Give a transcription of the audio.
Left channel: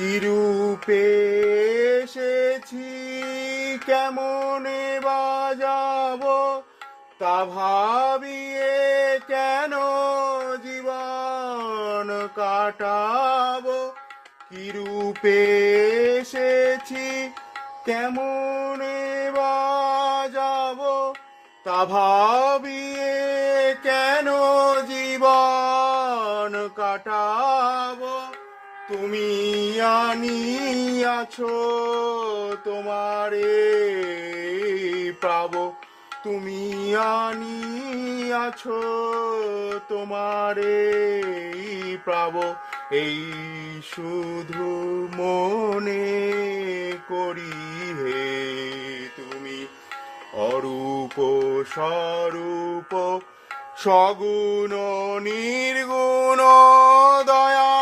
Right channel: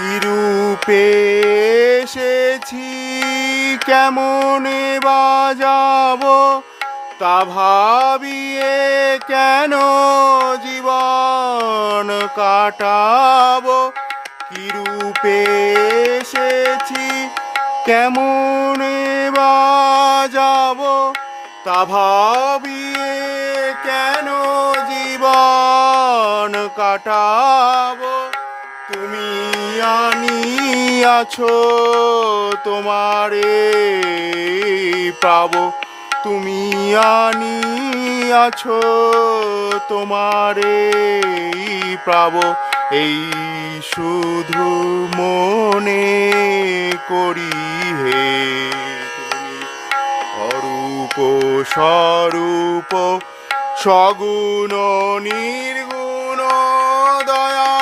কি রূপে এসেছি, কেমনে বাজাবো, তা ভাবিয়ে কেন জীবন কাটাবো। কি রূপে এসেছি, কেমনে বাজাবো, তা ভাবিয়ে কেন জীবন কাটাবো। তুমি আনিয়াছো তোমারে পাবো, তুমি আনিয়াছো তোমারে পাবো। এই শুধু মনে করি হে তুমি অরূপ স্বরূপ, সগুণ নির্গুণ দয়া